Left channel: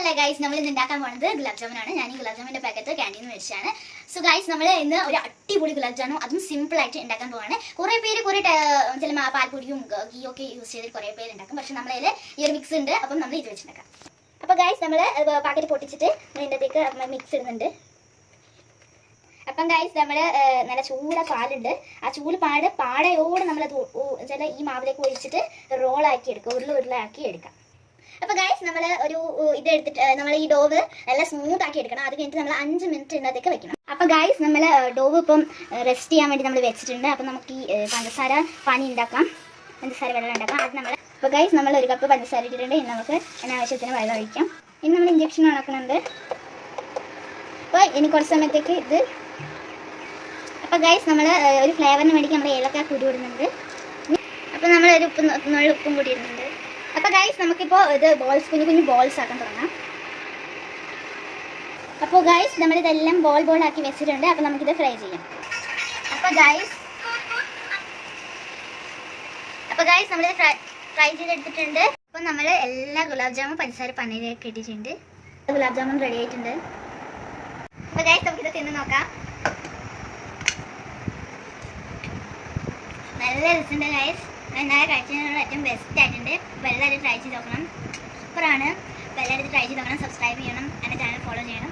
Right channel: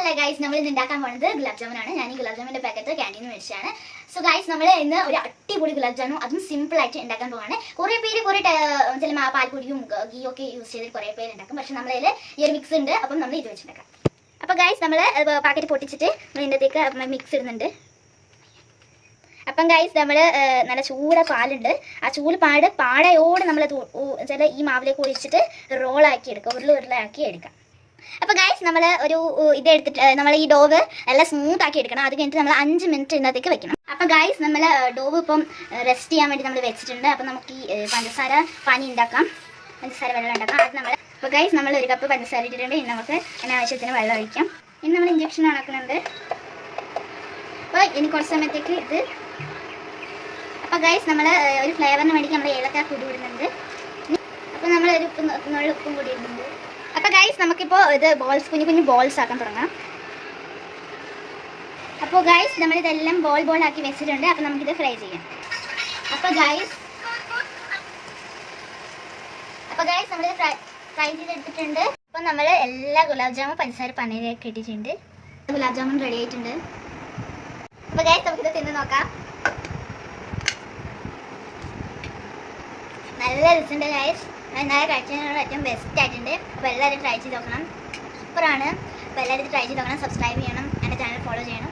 Hello guys നമ്മൾ ഇന്ന് ഉണ്ടാക്കാൻ പോകുന്നത് ഗുലാബ് ജാമുൻ ആണ് ഞാൻ ഈ ഗുലാബ് ജാമുന്റെ പാക്കറ്റ് ക്യാന്റീൻ മേടിച്ചാണ് സോ ഗൈസ് നമ്മൾ ഇന്ന് ഒരു അടിപൊളി ഗുലാബ് ജാമു അതും സിമ്പിൾ ആയിട്ട് ഉണ്ടാക്കാൻ പോവാണ്. കുറെ പേര് കുറെ ചില പാൽപ്പൊടിയും ഗീ ഒക്കെ യൂസ് ചെയ്ത് കുറെ പേര് ഉണ്ടാക്കും. പക്ഷെ നമ്മളതിൽ ഈ ഒരു മിക്സ് ഉണ്ട്. അപ്പം നമ്മൾ ഇത് വെച്ചിട്ടുണ്ടാക്കാം. അപ്പോൾ ഗൈസ് നമ്മൾ പാക്കറ്റ് പൊട്ടിച്ചിട്ട് നമ്മൾ മിക്സ് ഇടുന്നുണ്ട്. അപ്പം ഗൈസ് നമ്മൾ നല്ല ചൂട പാലുണ്ട്. ആ ചൂട് പാട് പാടയോട് നമ്മൾ ചില ഈ മാവിലേക്ക് ഒഴിച്ചിട്ട് റോളാക്കി എടുക്കുക. ഉരുള ഉരുളാക്കി എടുക്കാം. അപ്പോൾ ഗൈസ് നമ്മൾ ഒരു ഇത് എടുത്തിട്ട് നമ്മൾ ഈ ഡോവ് നല്ല സ്മൂത്ത് ആക്കി എടുക്കണം. അത് കഴിഞ്ഞിട്ട് നമ്മൾ അഞ്ച് മിനിറ്റ് ഇതിനകത്തേക്ക് വെക്കണം. അപ്പോൾ ഗൈസ് നമ്മൾ ഡോവ് ഇപ്പം റെസ്റ്റ് ചെയ്യാൻ വേണ്ടി നമ്മൾ വെച്ചിട്ടുണ്ട്. അപ്പം നമുക്ക് ഈ പഞ്ചസാര പാനി ഉണ്ടാക്കാം. പഞ്ചസാര വെള്ളം ഉണ്ടാക്കാം. അത് നമ്മൾ അപ്പോൾ ഗൈസ് നമ്മൾ ഒരു കപ്പ് പഞ്ചസാര ഇട്ടിട്ടുണ്ട്. ഇനി നമുക്ക് അനാവശ്യത്തിന് വെള്ളം ഒഴിക്കാം. ഇനി നമ്മൾ ഇഞ്ചക്ഷൻ ഉണക്കുന്നുണ്ട് അപ്പോൾ ഇനി കുറച്ച് സമയത്തേക്ക് ഇത് അപ്പോൾ ഗൈസ് നമ്മൾ ഒരു ഫ്ലേവറിന് വേണ്ടി നമ്മൾ ഏലക്ക കൂടി ഇടുന്നുണ്ട്. അപ്പോൾ നമ്മൾ ഒരു ഉപ്പ് നുള്ളി ഉപ്പും കൂടി ഇടുന്നുണ്ട്. അപ്പോൾ ഗൈസ് നമുക്കിപ്പോൾ ഇത് ബോൾസ് കുഞ്ഞു കുഞ്ഞു ബോൾസ് ആക്കാൻ തുടങ്ങാം. അപ്പോൾ ഗൈസ് നമ്മളിതെല്ലാം ബോൾ ബോൾ ആക്കി വെച്ചിട്ടുണ്ട്. അപ്പോൾ നമുക്കിത് ഫ്രൈ ചെയ്യാം. അപ്പോൾ ഗൈസ് അപ്പോൾ ഗൈസ് നമ്മൾ ഫ്രൈ ചെയ്തെടുത്തിട്ടുണ്ട്. അപ്പോൾ നമ്മൾ എല്ലാ ഗുലാബ് ജാമും പഞ്ചസാര പനയിലേക്ക് ഇട്ടിട്ടുണ്ട്. ഗുലാബ് ജാമുൻ റെഡി ആയിട്ടുണ്ട്. അപ്പോൾ ഗൈസ് നമുക്കിത് തിന്ന് നോക്കാം. നല്ല രസമുണ്ട് ഗൈസ് എന്നാലും കഴിക്കുന്നതിനോട് ഏറ്റവും ബെസ്റ്റ് ആയിട്ടുണ്ട്. അപ്പോൾ എല്ലാവരും ട്രൈ ചെയ്ത് നോക്കണം. സൂപ്പറാണ് അപ്പോൾ എല്ലാവരും ട്രൈ ചെയ്ത് നോക്കണം. സബ്സ്ക്രൈബ് ചെയ്യണം. എന്റെ ചാനൽ ഫോളോ ചെയ്യണം.